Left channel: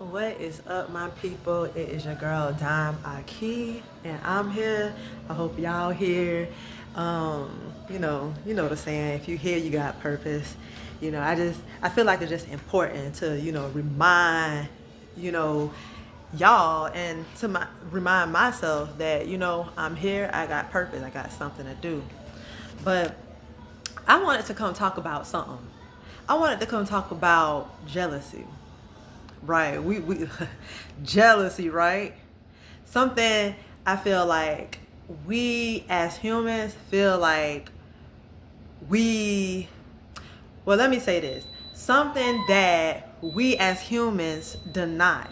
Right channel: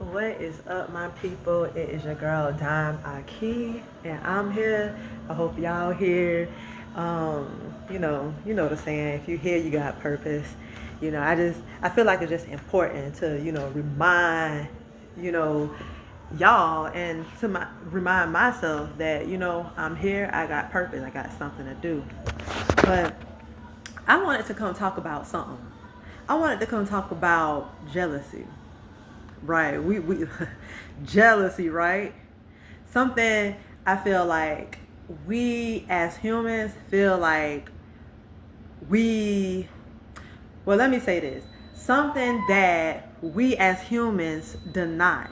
What is up, my people? It is your girl Dime Aki, and I'm here. I hope y'all here. You know the saying. If you here, you got purpose. I feel like it's just important to remind you know y'all and to remind myself that I'm here. I got purpose. I got something to do. But I wanted to come talk about something. I wanted to come talk about jealousy. Right. We jealousy, right? Something I feel like we as humans feel like we well, let me say this. Something that we as humans deny.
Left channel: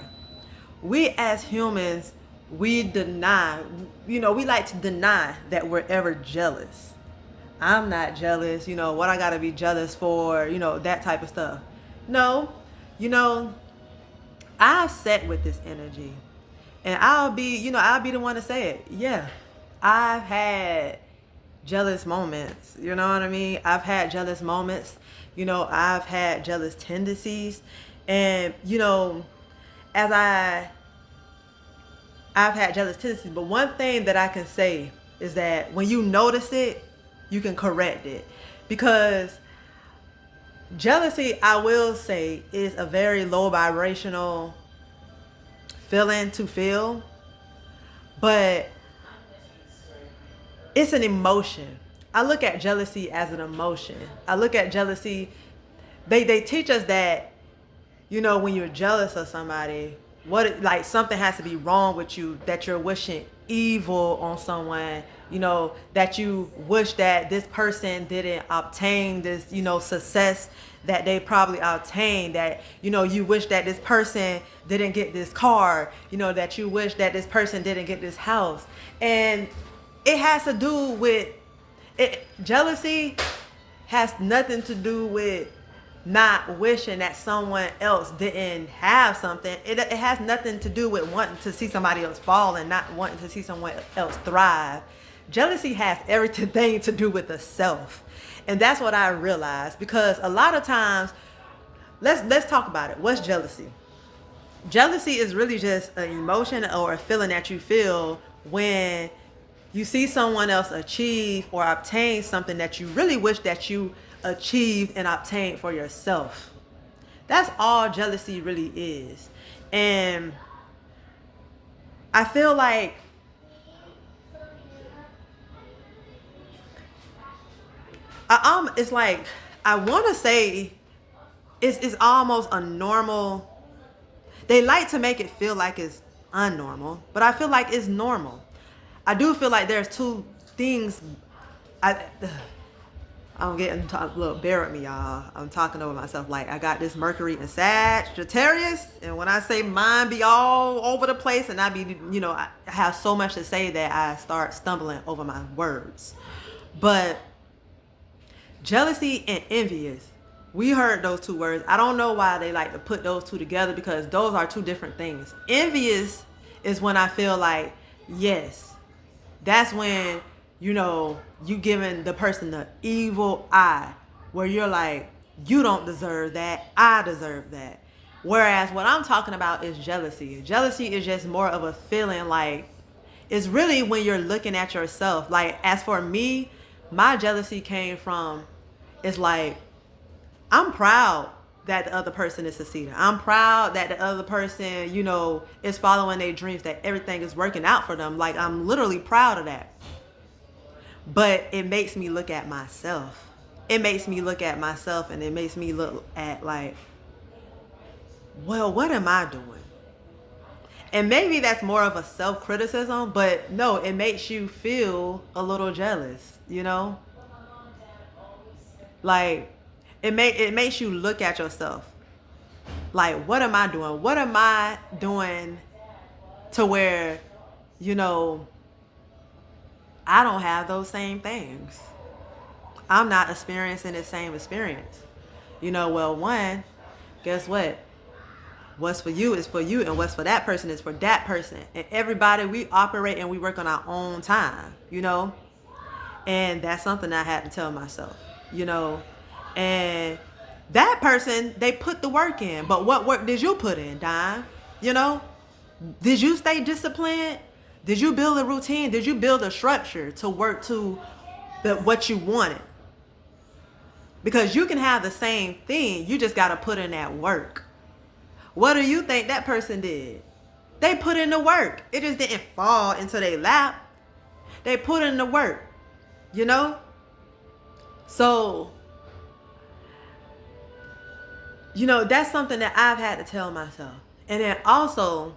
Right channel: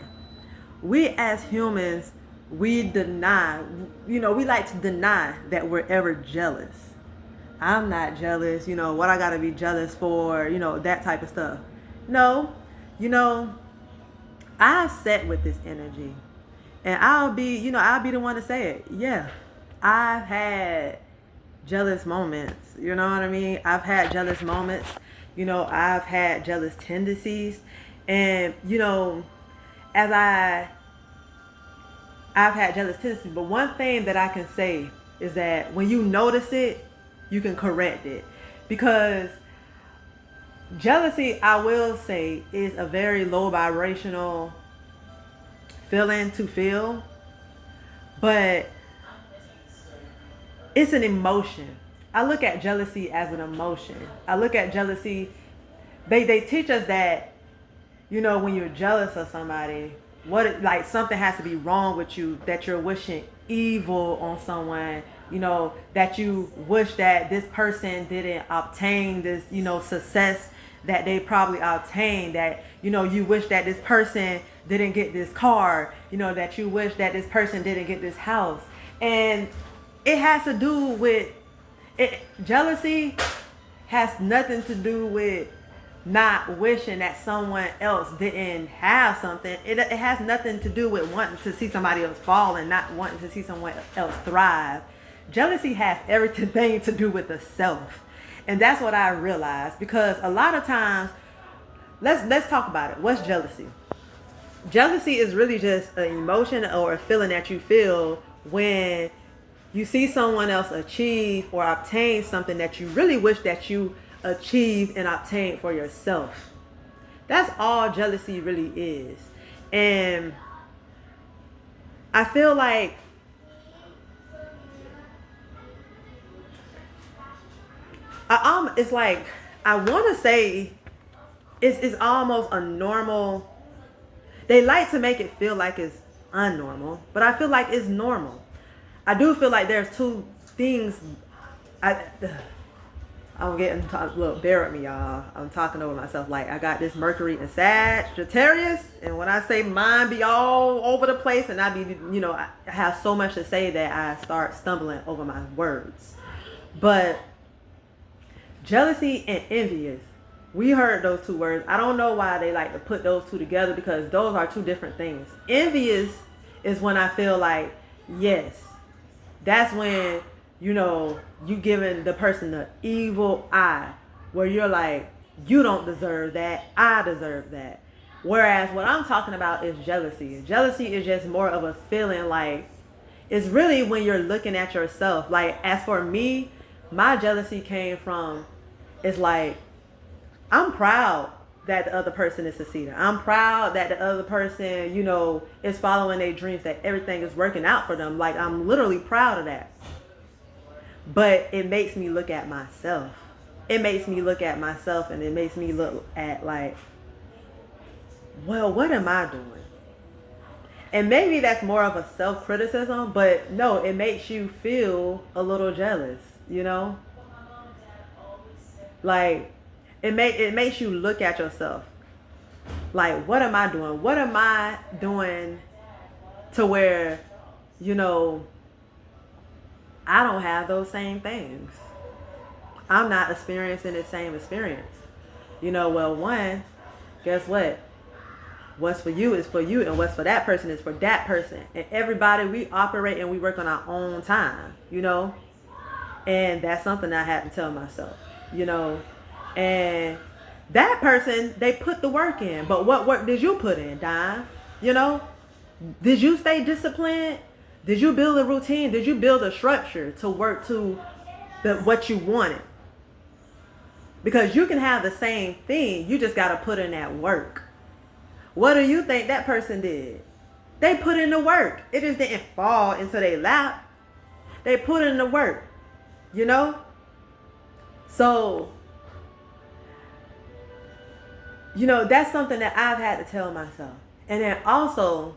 We as humans, we deny, we like to deny that we're ever jealous. I'm not jealous, what I gotta be jealous for, that type of stuff. No, you know, I've sat with this energy, and I'll be the one to say it. Yeah, I've had jealous moments. You know what I mean? I've had jealous moments. I've had jealous tendencies, and as I've had jealous tendencies. But one thing that I can say is that when you notice it, you can correct it, because jealousy, I will say, is a very low vibrational feeling to feel, but it's an emotion. I look at jealousy as an emotion. I look at jealousy, they teach us that, when you're jealous of somebody, like something has to be wrong with you, that you're wishing evil on someone, that you wish that this person didn't obtain this, success that they probably obtained, that, you wish that this person didn't get this car, that you wish that this person didn't get this house. And it has to do with it. Jealousy has nothing to do with not wishing that someone else didn't have something. It has nothing to do with wanting to see somebody else fall and not wanting to see someone else thrive. Jealousy has everything to do with the self. And that's what I realized, because a lot of times, let's talk about it. What's jealousy? Jealousy is really just an emotion or a feeling that you feel when you see someone else achieve or obtain something that you really wish that you achieved and obtained for yourself. That's all jealousy really is. And I feel like it's like, I want to say it's almost a normal. They like to make it feel like it's unnormal, but I feel like it's normal. I do feel like there's two things. I, I'm getting look, bear with me, y'all. I'm talking over myself. Like, I got this Mercury and Sagittarius, and when I say mine be all over the place, and I be, I have so much to say that I start stumbling over my words. But jealousy and envious, we heard those two words. I don't know why they like to put those two together, because those are two different things. Envious is when I feel like, yes, that's when, you giving the person the evil eye, where you're like, you don't deserve that, I deserve that. Whereas what I'm talking about is jealousy. Jealousy is just more of a feeling, like, it's really when you're looking at yourself. Like, as for me, my jealousy came from, it's like, I'm proud that the other person is succeeding. I'm proud that the other person, is following their dreams, that everything is working out for them. Like, I'm literally proud of that. But it makes me look at myself. It makes me look at myself, and it makes me look at, like, well, what am I doing? And maybe that's more of a self-criticism, but no, it makes you feel a little jealous. Like, it makes you look at yourself. Like, what am I doing? What am I doing to where, you know, I don't have those same things? I'm not experiencing the same experience. Well, one, guess what? What's for you is for you, and what's for that person is for that person. And everybody, we operate and we work on our own time. And that's something I had to tell myself. And that person, they put the work in. But what work did you put in, Dime? You know, did you stay disciplined? Did you build a routine? Did you build a structure to work to what you wanted? Because you can have the same thing, you just got to put in that work. What do you think that person did? They put in the work. It just didn't fall into their lap. They put in the work, you know? So, that's something that I've had to tell myself. And then also,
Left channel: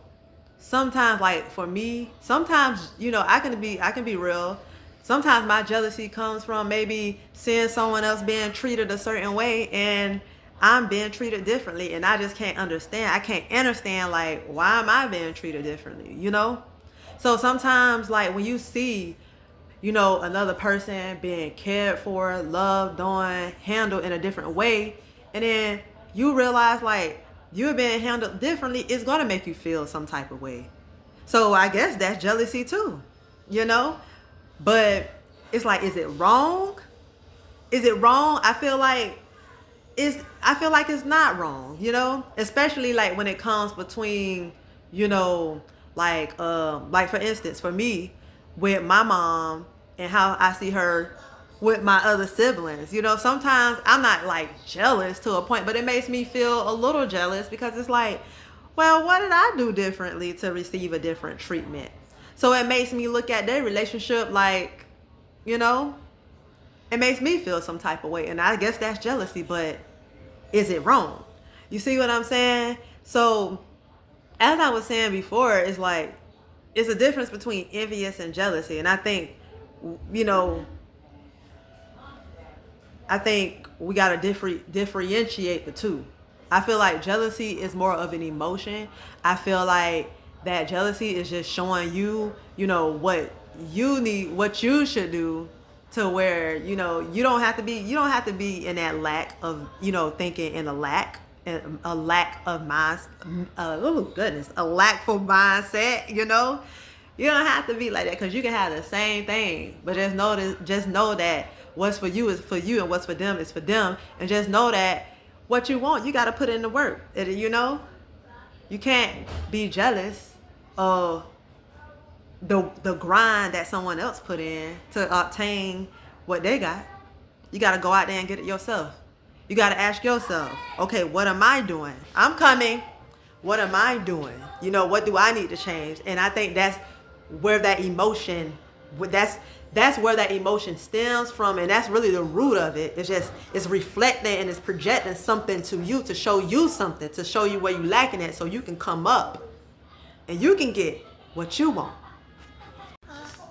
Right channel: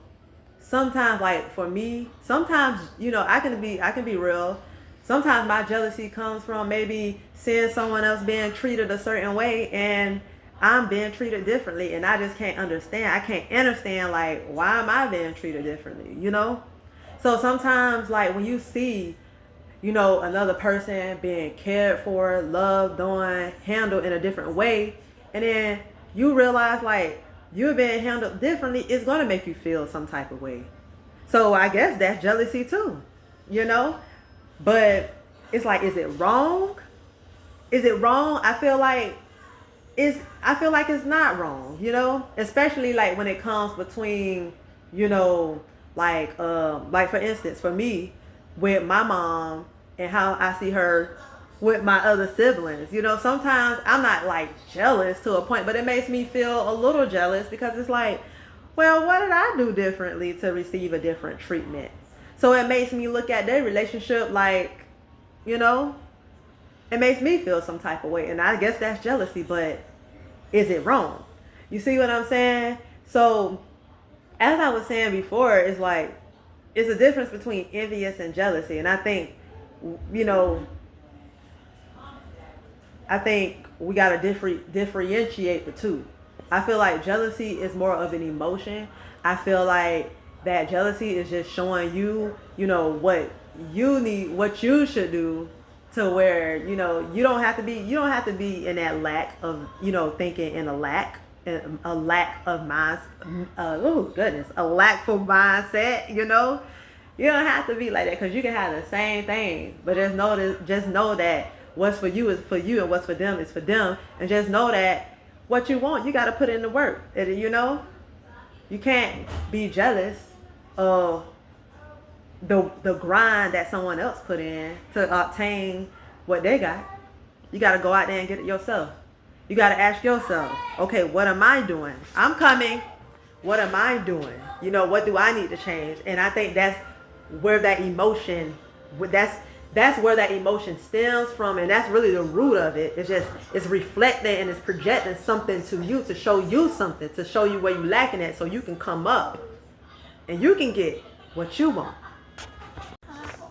sometimes, like for me, sometimes, I can be real. Sometimes my jealousy comes from maybe seeing someone else being treated a certain way and I'm being treated differently, and I just can't understand. I can't understand, like, why am I being treated differently, So sometimes, like, when you see, another person being cared for, loved on, handled in a different way, and then you realize, like, you're being handled differently, it's going to make you feel some type of way. So I guess that's jealousy too, But it's like, is it wrong? Is it wrong? I feel like it's not wrong, especially like when it comes between, like for instance, for me, with my mom and how I see her with my other siblings, sometimes I'm not like jealous to a point, but it makes me feel a little jealous because it's like, well, what did I do differently to receive a different treatment? So it makes me look at their relationship like, it makes me feel some type of way. And I guess that's jealousy, but is it wrong? You see what I'm saying? So as I was saying before, it's like, it's a difference between envious and jealousy. And I think, we got to differentiate the two. I feel like jealousy is more of an emotion. I feel like that jealousy is just showing you, what you need, what you should do to where, you don't have to be in that lack of, thinking in a lack of mind, a lackful mindset, You don't have to be like that, because you can have the same thing, but just know that what's for you is for you and what's for them is for them, and just know that what you want, you got to put in the work. You can't be jealous of the grind that someone else put in to obtain what they got. You got to go out there and get it yourself. You got to ask yourself, okay, what am I doing? I'm coming. What am I doing? What do I need to change? And I think that's where that emotion, that's where that emotion stems from, and that's really the root of it. It's reflecting and it's projecting something to you, to show you something, to show you where you're lacking at, so you can come up and you can get what you want.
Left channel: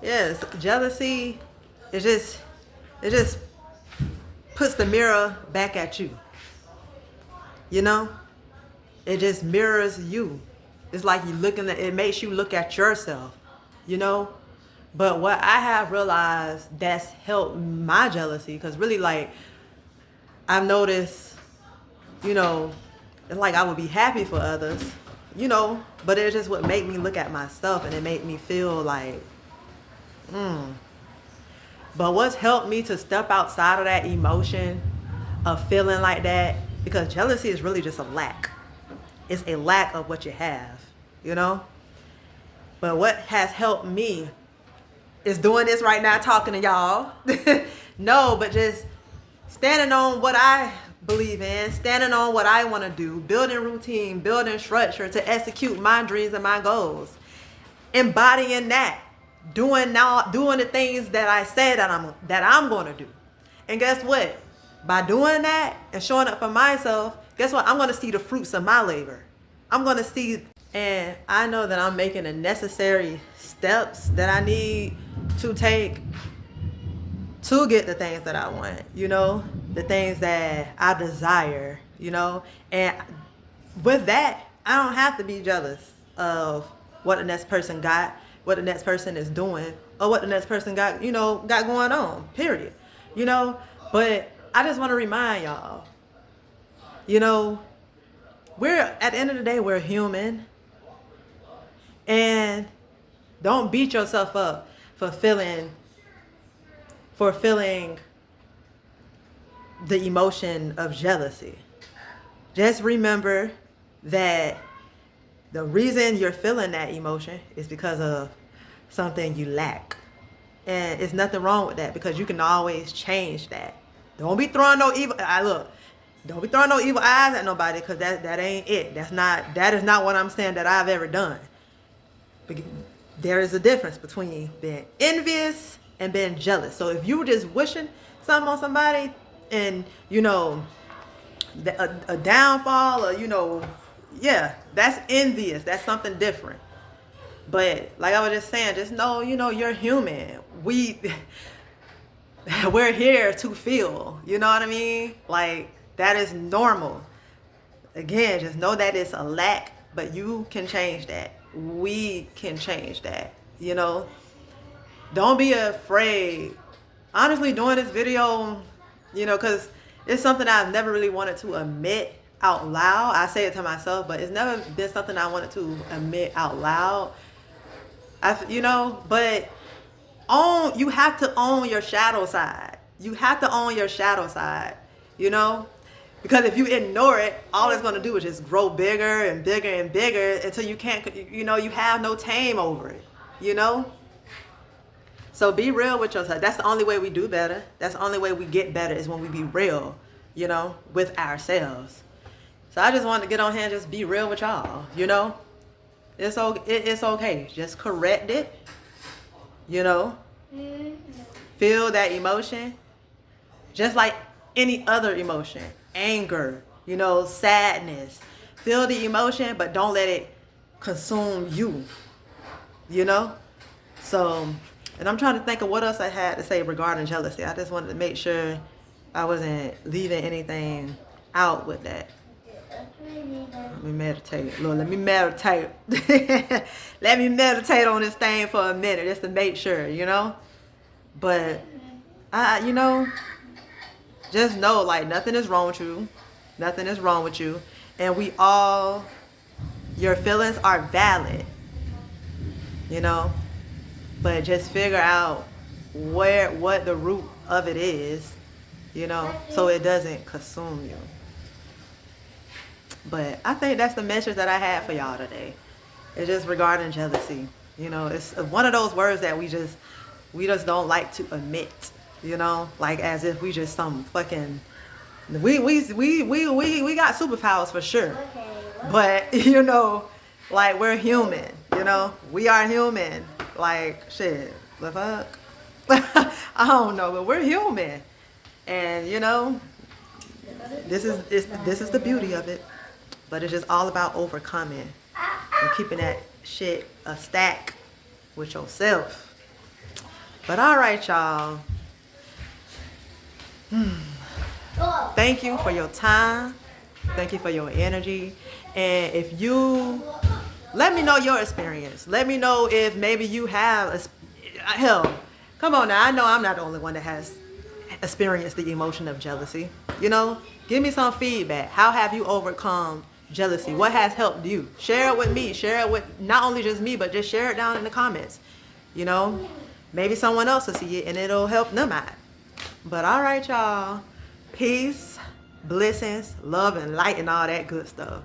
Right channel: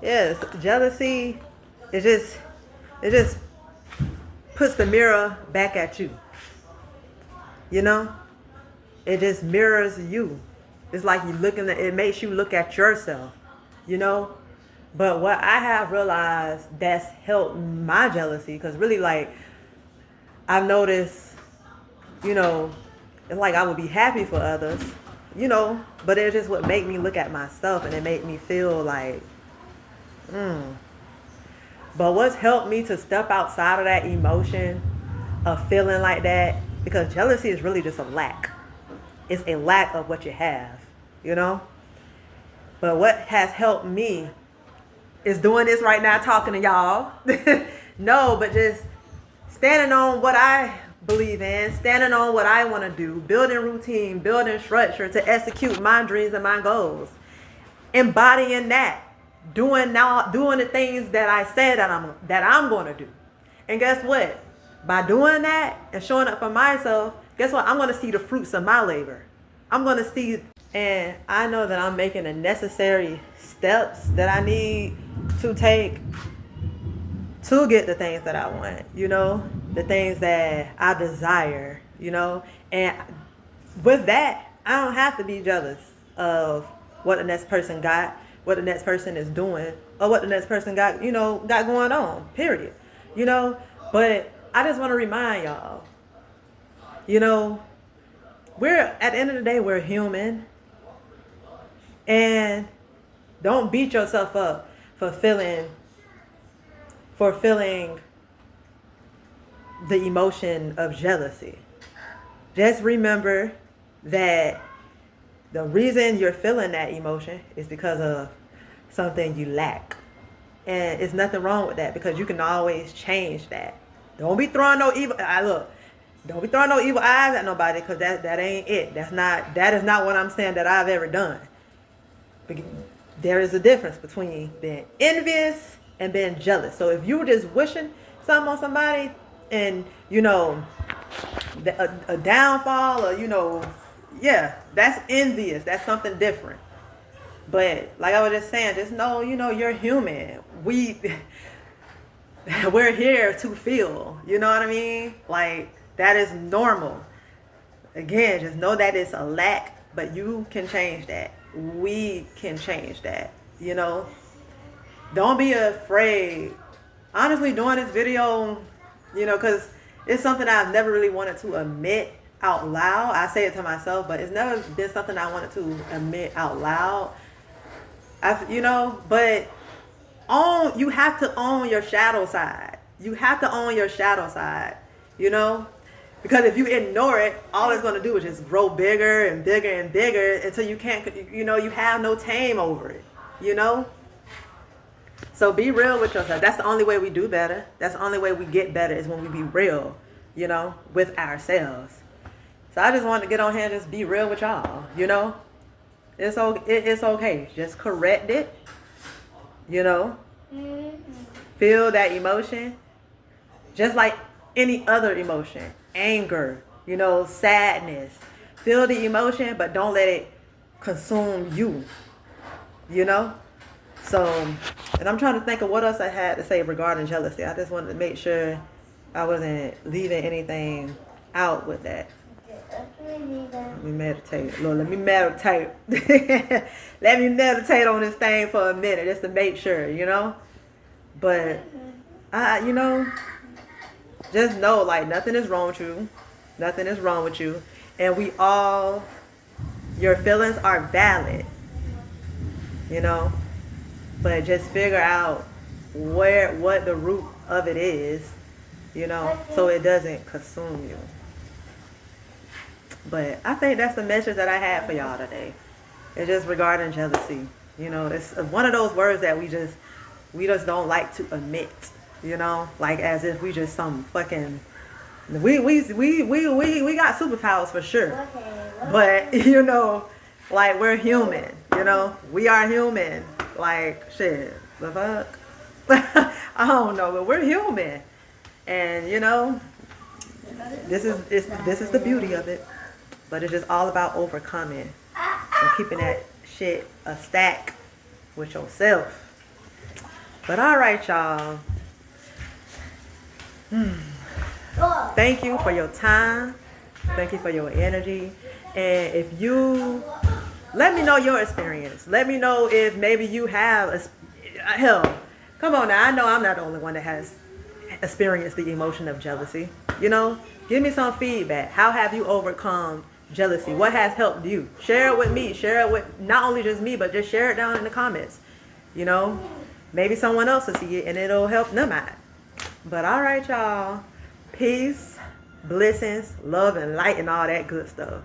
Yes, jealousy, it just puts the mirror back at you. It just mirrors you. It's like it makes you look at yourself, But what I have realized that's helped my jealousy, because really, like, I've noticed, it's like I would be happy for others, but it just would make me look at myself, and it made me feel like, But what's helped me to step outside of that emotion of feeling like that, because jealousy is really just a lack. It's a lack of what you have, But what has helped me is doing this right now, talking to y'all. No, but just standing on what I believe in, standing on what I want to do, building routine, building structure to execute my dreams and my goals, embodying that, doing the things that I said that I'm going to do. And guess what? By doing that and showing up for myself, guess what? I'm going to see the fruits of my labor. I'm going to see, and I know that I'm making the necessary steps that I need to take to get the things that I want, the things that I desire, and with that, I don't have to be jealous of what the next person got, what the next person is doing, or what the next person got going on, period, but I just want to remind y'all, we're, at the end of the day, we're human, and don't beat yourself up for feeling the emotion of jealousy. Just remember that The reason you're feeling that emotion is because of something you lack. And it's nothing wrong with that because you can always change that. Don't be throwing no evil. Look, don't be throwing no evil eyes at nobody because that ain't it. That is not what I'm saying that I've ever done. There is a difference between being envious and being jealous. So if you were just wishing something on somebody and a downfall or yeah, that's envious. That's something different. But like I was just saying, just know, you're human. We're here to feel, you know what I mean? Like, that is normal. Again, just know that it's a lack, but you can change that. We can change that, Don't be afraid. Honestly, doing this video, because it's something I've never really wanted to admit out loud. I say it to myself, but it's never been something I wanted to admit out loud. But you have to own your shadow side. You have to own your shadow side, because if you ignore it, all it's going to do is just grow bigger and bigger and bigger until you can't, you have no tame over it, So be real with yourself. That's the only way we do better. That's the only way we get better is when we be real, with ourselves. So I just wanted to get on here and just be real with y'all, It's okay. Just correct it, Feel that emotion. Just like any other emotion. Anger, sadness. Feel the emotion, but don't let it consume you, So, and I'm trying to think of what else I had to say regarding jealousy. I just wanted to make sure I wasn't leaving anything out with that. Let me meditate. Lord, let me meditate. Let me meditate on this thing for a minute just to make sure, But, just know, like, nothing is wrong with you. Nothing is wrong with you. And your feelings are valid, But just figure out what the root of it is, so it doesn't consume you. But I think that's the message that I had for y'all today. It's just regarding jealousy. It's one of those words that we just don't like to admit. Like as if we just some fucking we got superpowers for sure. But like we're human. We are human. Like shit, the fuck. I don't know, but we're human, and this is the beauty of it. But it's just all about overcoming and keeping that shit a stack with yourself. But all right, y'all. Thank you for your time. Thank you for your energy. And if you let me know your experience. Let me know if maybe you have hell. Come on now. I know I'm not the only one that has experienced the emotion of jealousy. Give me some feedback. How have you overcome jealousy? What has helped you? Share it with me. Share it with not only just me, but just share it down in the comments. Maybe someone else will see it and it'll help them out. But all right, y'all. Peace, blessings, love, and light, and all that good stuff.